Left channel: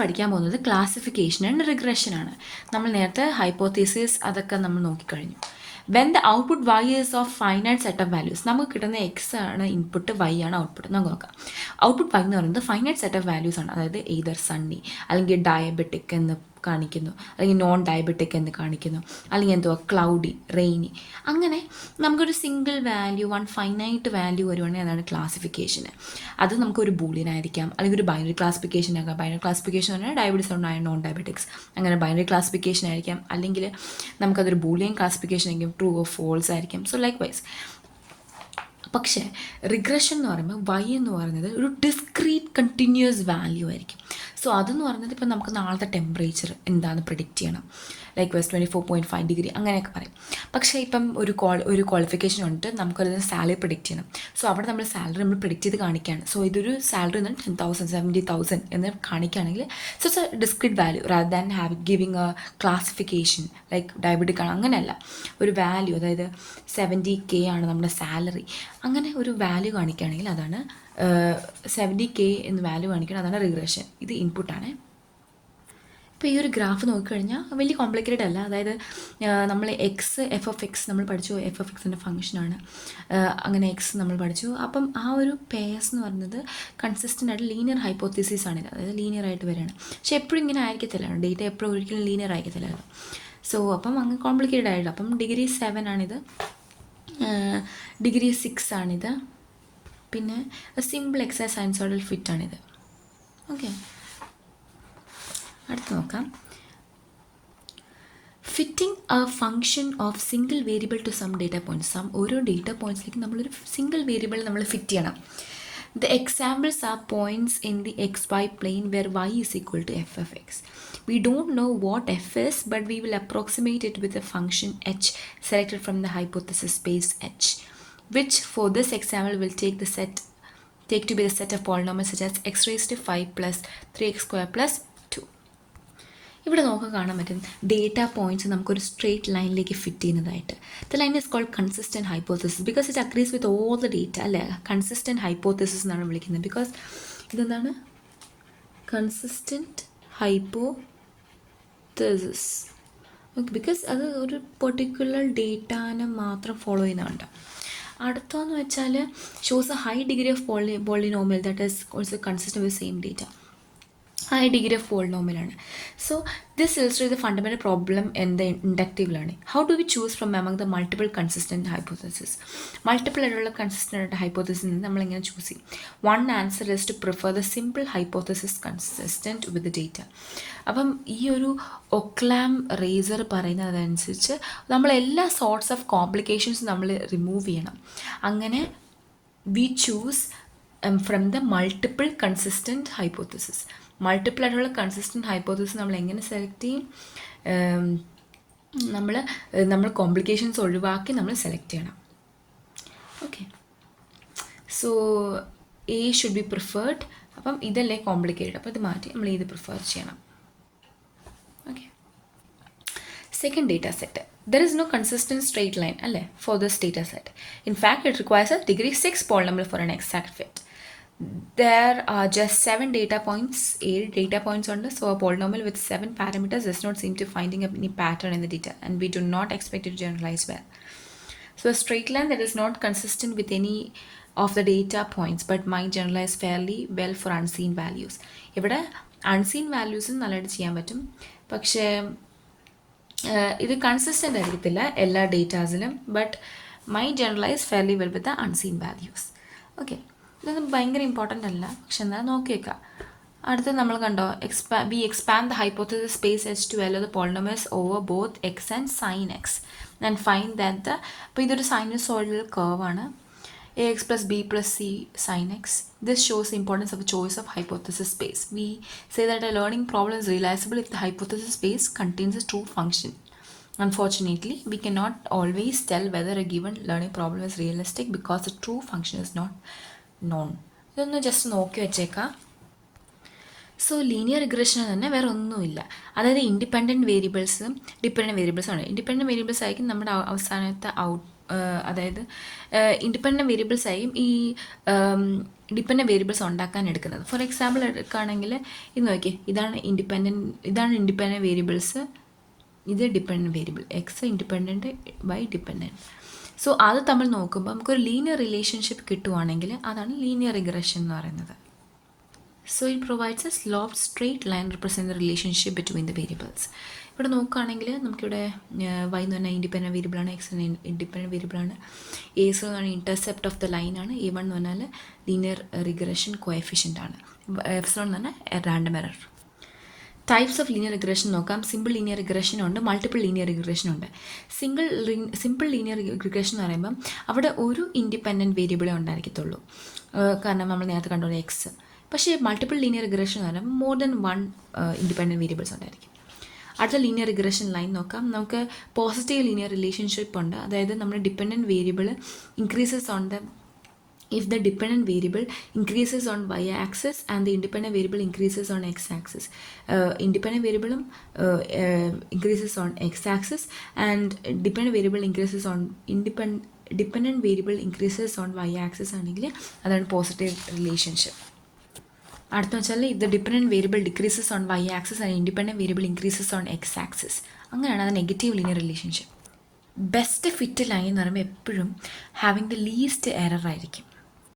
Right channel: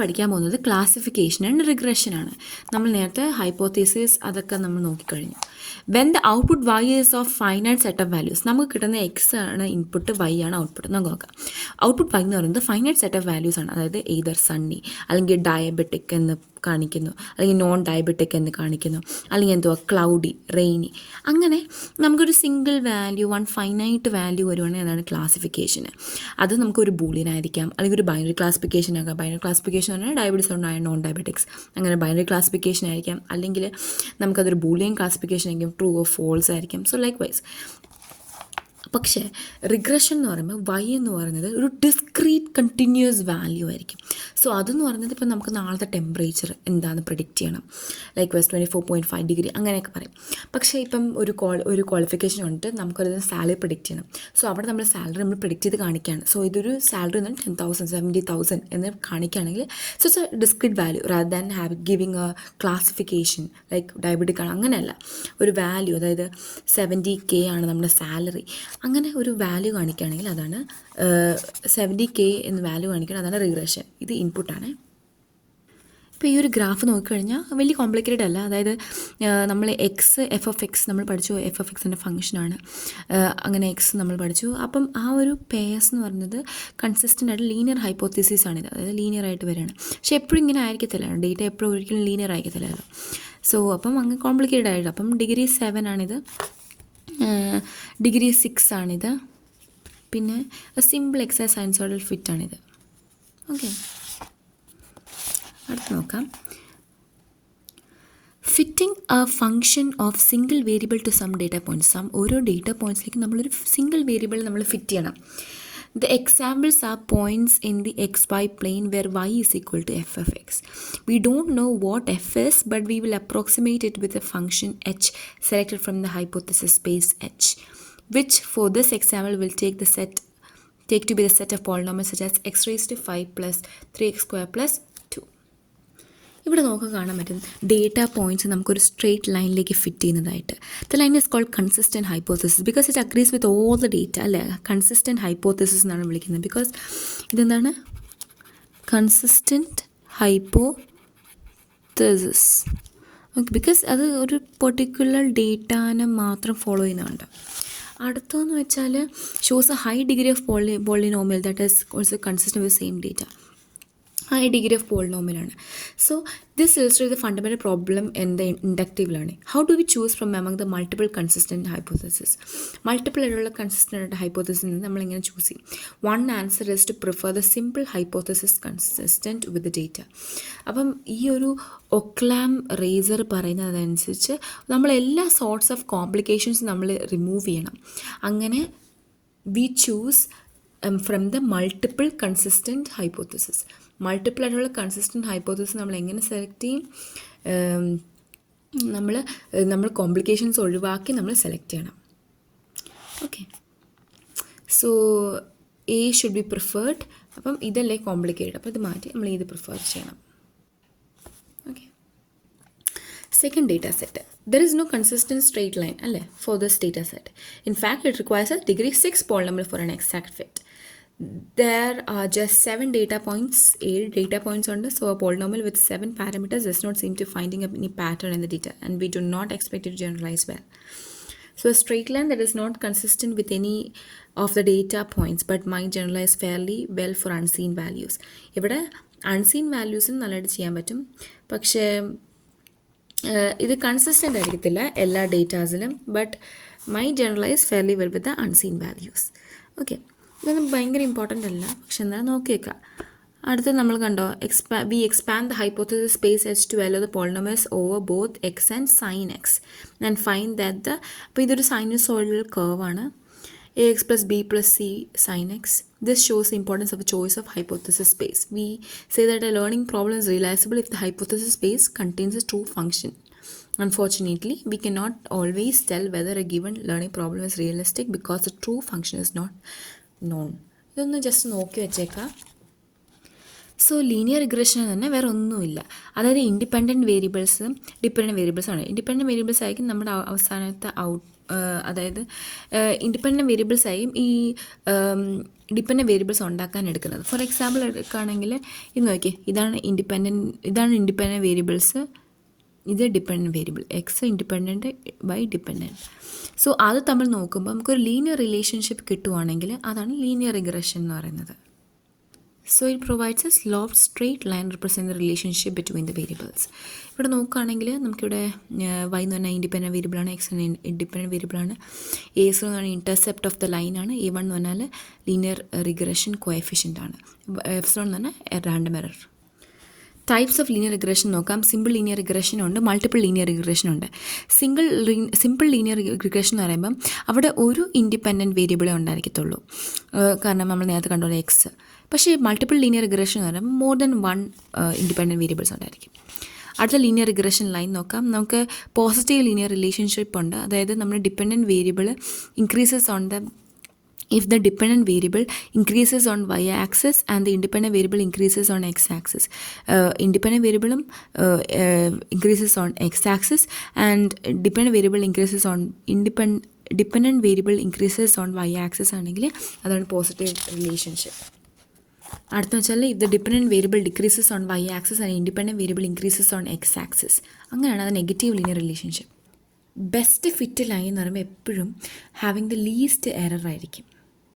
പഠിക്കാൻ പോകുന്നത് classification and regression ആണ്. നമ്മൾ നേരത്തെ ഹൈപ്പോത്തീസിസ് അതൊക്കെ നമ്മൾ നോക്കിക്കഴിഞ്ഞു. When the output Y is of finite set of values, നമുക്ക് കിട്ടുന്ന എക്സ് ആണ് ഇൻപുട്ട്, വൈ ആണ് ഔട്ട്പുട്ട്. നമുക്ക് നോക്കാം. ഔട്ട്പുട്ട് വൈ എന്ന് പറയുന്നത് ഫൈനൈറ്റ് സെറ്റ് ഓഫ് വാല്യൂസ് ആണ്. അതായത് എയ്തർ സണ്ണി അല്ലെങ്കിൽ ഡയബറ്റിക് എന്ന് കാണിക്കുന്നു, അല്ലെങ്കിൽ നോൺ ഡയബറ്റിക് എന്ന് കാണിക്കുന്നു, അല്ലെങ്കിൽ എന്തുവാ ക്ലൗഡി, റെയിനി. അങ്ങനെ നമുക്കൊരു single value, one finite value വരുവാണെങ്കിൽ അതാണ് ക്ലാസിഫിക്കേഷന്. അത് നമുക്കൊരു ബൂളിയൻ ആയിരിക്കാം, അല്ലെങ്കിൽ ഒരു ബൈനറി ക്ലാസിഫിക്കേഷൻ ആകാം. ബൈനറി ക്ലാസിഫിക്കേഷൻ പറഞ്ഞാൽ ഡയബറ്റീസ് ഉണ്ടായ നോൺ ഡയബറ്റിക്സ്, അങ്ങനെ ബൈനറി ക്ലാസിഫിക്കേഷൻ ആയിരിക്കാം. അല്ലെങ്കിൽ നമുക്കതൊരു ബൂളിയൻ ക്ലാസിഫിക്കേഷൻ ആയിരിക്കും, ട്രൂ ഓർ ഫോൾസ് ആയിരിക്കും. So likewise. പക്ഷേ റിഗ്രഷൻ എന്ന് പറയുമ്പോൾ വൈ എന്ന് പറയുന്നത് ഒരു ഡിസ്ക്രീറ്റ് കണ്ടിന്യൂസ് വാല്യൂ ആയിരിക്കും. സോ അതെന്ന് പറയുന്നത് ഇപ്പം നമുക്ക് നാളത്തെ ടെമ്പറേച്ചർ എന്താണെന്ന് പ്രിഡിക്റ്റ് ചെയ്യണം, ലൈക്ക് വൈസ് 24.5 ഡിഗ്രി അങ്ങനെയൊക്കെ പറയും. പക്ഷേ ഇപ്പം ഒരു ക്വാളിഫിക്കേഷൻ ഉണ്ട്, നമുക്കൊരു സാലറി പ്രിഡിക്റ്റ് ചെയ്യണം. സോ അവിടെ നമ്മൾ സാലറി നമ്മൾ പ്രിഡിക്റ്റ് ചെയ്ത് കാണിക്കുകയാണ്. സോ ഇതൊരു സാലറി എന്ന് 10,000 70,000 എന്ന് കാണിക്കുകയാണെങ്കിൽ so it's a discrete value rather than giving a classification like diabetic ആണ്, അങ്ങനെയല്ല. ഒരു വാല്യൂ, അതായത് 70K ആണ് നമ്മുടെ സാലറി, അങ്ങനെ ഒരു വാല്യൂ കാണിക്കുകയാണെങ്കിൽ അതാണ് 70K എന്ന് വാല്യൂ കാണിക്കണം, അതാണ് റിഗ്രഷൻ. ഇത് ഇൻപുട്ടാണ്. ഇപ്പോൾ ഈ ഒരു ഗ്രാഫ് നോക്കിക്കഴിഞ്ഞാൽ വലിയ കോംപ്ലിക്കേറ്റഡ് അല്ല. അതായത് നമ്മൾ എഫ് ഓഫ് എക്സ് നമ്മൾ പഠിച്ചു, എഫ് ഓഫ് എക്സിൻ്റെ ഫംഗ്ഷനാണ്. അങ്ങനെ എക്സ് നമ്മൾ പഠിച്ചു. അപ്പം ആ ഒരു പേഴ്സ് എന്ന് പറയുന്നത് കൺസിസ്റ്റൻ്റ് ആയിട്ട് ലീനിയർ ഹൈപ്പോത്തീസിസ് ആണിത്, അതായത് ലീനിയർ ആയിട്ട് വരികയാണ്. പക്ഷെ എപ്പോഴും ഇങ്ങനെ ആയിരിക്കത്തില്ല, ഡേറ്റ എപ്പോഴും ഒരിക്കലും ലീനിയർ ആയിരിക്കത്തില്ലല്ലോ. സോ അപ്പം അങ്ങ് കോംപ്ലിക്കേറ്റഡ് ആയിട്ട്. അപ്പം ഡിഗ്രി 7 ആണിത്, ഡിഗ്രി 6 ആണിത്, പിന്നെ സിമ്പിൾ എക്സൈസ് സൈൻസോയിഡൽ ഫിറ്റ് ആണിത്. ഓക്കെ, അടുത്ത് നോക്കാം. Fitting a function of single variable to some data points. ഓരോ ഡേറ്റ പോയിൻറ്റ്സിലേക്ക് നമ്മളൊരു സിംഗിൾ വേരിയബിൾ നമ്മൾ ഫിറ്റ് ചെയ്യണം. The examples are points in the xy plane where y is equal to f of x. We don't know what f is, but we will approximate it with a function h selected from the hypothesis space h, which for this example will take to be the set of polynomials such as x raised to 5 plus 3x square plus 2. ഇവിടെ നമുക്ക് കാണാൻ പറ്റും data points നമുക്കൊരു straight ലൈനിലേക്ക് fit ചെയ്യുന്നതായിട്ട്. The line is called consistent hypothesis because it agrees with all the data, അല്ലേ? Consistent hypothesis എന്നാണ് വിളിക്കുന്നത്. ബിക്കോസ് ഇതെന്താണ്? Consistent hypothesis. ഓക്കെ, ബിക്കോസ് അത് ഒരു പെർട്ടിക്കുലർ ഡേറ്റാനെ മാത്രം ഫോളോ ചെയ്യുന്നുണ്ട്. അടുത്തതെന്ന് വെച്ചാൽ shows a high degree of polynomial that is also consistent with same data. High degree of പോളിനോമിയലാണ്. So this illustrate the fundamental problem in the inductive learning. How do we choose from among the multiple consistent hypothesis? Multiple ആയിട്ടുള്ള consistent hypothesis നിന്ന് നമ്മളിങ്ങനെ choose ചെയ്യും. One answer is to prefer the simple hypothesis consistent with data. അപ്പം ഈ ഒരു Occam razor പറയുന്നതനുസരിച്ച് നമ്മൾ എല്ലാ സോർട്ട്സ് ഓഫ് കോംപ്ലിക്കേഷൻസ് നമ്മൾ റിമൂവ് ചെയ്യണം. അങ്ങനെ V choose from the multiple consistent hypothesis. Multiple ആയിട്ടുള്ള കൺസിസ്റ്റൻറ്റ് ഹൈപ്പോത്തസിസ് നമ്മൾ എങ്ങനെ സെലക്ട് ചെയ്യും? നമ്മൾ കോംപ്ലിക്കേഷൻസ് ഒഴിവാക്കി നമ്മൾ സെലക്ട് ചെയ്യണം. Okay, so A should be preferred. അപ്പം ഇതല്ലേ കോംപ്ലിക്കേറ്റഡ്, അപ്പോൾ ഇത് മാറ്റി നമ്മൾ ഇത് പ്രിഫർ ചെയ്യണം. Okay, second data set. There is no consistent straight line for this data set. In fact, it requires a degree 6 polynomial for an exact fit. There are just 7 data points, 8 data points on this, so a polynomial with 7 parameters does not seem to finding any pattern in the data, and we do not expect it to generalize well. So a straight line that is not consistent with any of the data points but might generalize fairly well for unseen values. ഇവിടെ unseen values നല്ലതായിട്ട് ചെയ്യാൻ പറ്റും, പക്ഷേ ഇത് consistent ആയിരിക്കത്തില്ല എല്ലാ ഡേറ്റാസിലും, but my generalize fairly well with the unseen values. Okay, ഇതൊന്നും ഭയങ്കര ഇമ്പോർട്ടൻ്റ് അല്ല, പക്ഷെ എന്നാൽ നോക്കി വെക്കാം. അടുത്ത് നമ്മൾ കണ്ടോ, we expand the hypothesis space H to allow the polynomials over both X and sine X and find that the, അപ്പോൾ ഇതൊരു സൈനുസോയിഡൽ കർവാണ്, ax plus b plus c sin x. This shows the importance of a choice of hypothesis space. We say that a learning problem is realizable if the hypothesis space contains a true function. Unfortunately, we cannot always tell whether a given learning problem is realistic because the true function is not known. ഇതൊന്ന് just നോക്കി വെച്ചേക്കാം. So linear regression തന്നെ വേറെ ഒന്നുമില്ല. അതായത് independent വേരിയബിൾസും dependent വേരിയബിൾസാണ്. Independent variables ആയിരിക്കും നമ്മുടെ അവസാനത്തെ അതായത് ഇൻഡിപെൻഡൻറ്റ് വേരിയബിൾസ് ആയിരിക്കും ഈ ഡിപ്പെൻഡൻറ്റ് വേരിയബിൾസ് ഉണ്ടാക്കാൻ എടുക്കുന്നത്. ഫോർ എക്സാമ്പിൾ എടുക്കുകയാണെങ്കിൽ ഇത് നോക്കിയേ, ഇതാണ് ഇൻഡിപെൻഡൻറ്റ് വേരിയബിൾസ്, ഇത് dependent variable X independent by dependent. So അത് തമ്മിൽ നോക്കുമ്പോൾ നമുക്കൊരു ലീനിയർ റിലേഷൻഷിപ്പ് കിട്ടുവാണെങ്കിൽ അതാണ് ലീനിയർ റിഗ്രഷൻ എന്ന് പറയുന്നത്. So it provides a sloped straight line representing the relationship between the variables. ഇവിടെ നോക്കുകയാണെങ്കിൽ നമുക്കിവിടെ y എന്ന് പറഞ്ഞാൽ ഇൻഡിപെൻഡൻറ്റ് വേരിയബിളാണ്, എക്സ് ഇൻഡിപെൻഡൻറ്റ് വേരിയബിളാണ്, എസ് എന്ന് പറഞ്ഞാൽ ഇൻ്റർസെപ്റ്റ് ഓഫ് ദ ലൈനാണ്, എ വൺ എന്ന് പറഞ്ഞാൽ ലീനിയർ റിഗ്രഷൻ കോഎഫിഷ്യൻ്റ് ആണ്, എപ്സിലോൺ എന്ന് പറഞ്ഞാൽ random error. Types of linear regression നോക്കാം. സിമ്പിൾ ലീനിയർ റിഗ്രഷൻ ഉണ്ട്, മൾട്ടിപ്പിൾ ലീനിയർ റിഗ്രഷൻ ഉണ്ട്. സിമ്പിൾ ലീനിയർ റിഗ്രഷൻ എന്ന് പറയുമ്പം അവിടെ ഒരു ഇൻഡിപെൻഡൻറ്റ് വേരിയബിളേ ഉണ്ടായിരിക്കത്തുള്ളൂ, കാരണം നമ്മൾ നേരത്തെ കണ്ടോളൂ എക്സ്. പക്ഷേ മൾട്ടിപ്പിൾ ലീനിയർ റിഗ്രഷൻ എന്ന് പറയുമ്പോൾ more than one independent variables ഉണ്ടായിരിക്കും. അടുത്ത ലീനിയർ റിഗ്രഷൻ ലൈൻ നോക്കാം. നമുക്ക് പോസിറ്റീവ് ലീനിയർ റിലേഷൻഷിപ്പ് ഉണ്ട്, അതായത് നമ്മുടെ dependent variable increases on the if the dependent variable increases on y-axis and the independent variable increases on x-axis. Independent variable increases on x-axis and dependent variable increases on dependent variable increases on y-axis ആണെങ്കിൽ അതാണ് positive relationship. അടുത്ത വെച്ചാൽ if the dependent variable decreases on y-axis and independent variable increases on x-axis, അങ്ങനെയാണ് അത് negative linear relationship. Best fit line എന്ന് പറയുമ്പോൾ എപ്പോഴും having the least error ആയിരിക്കും.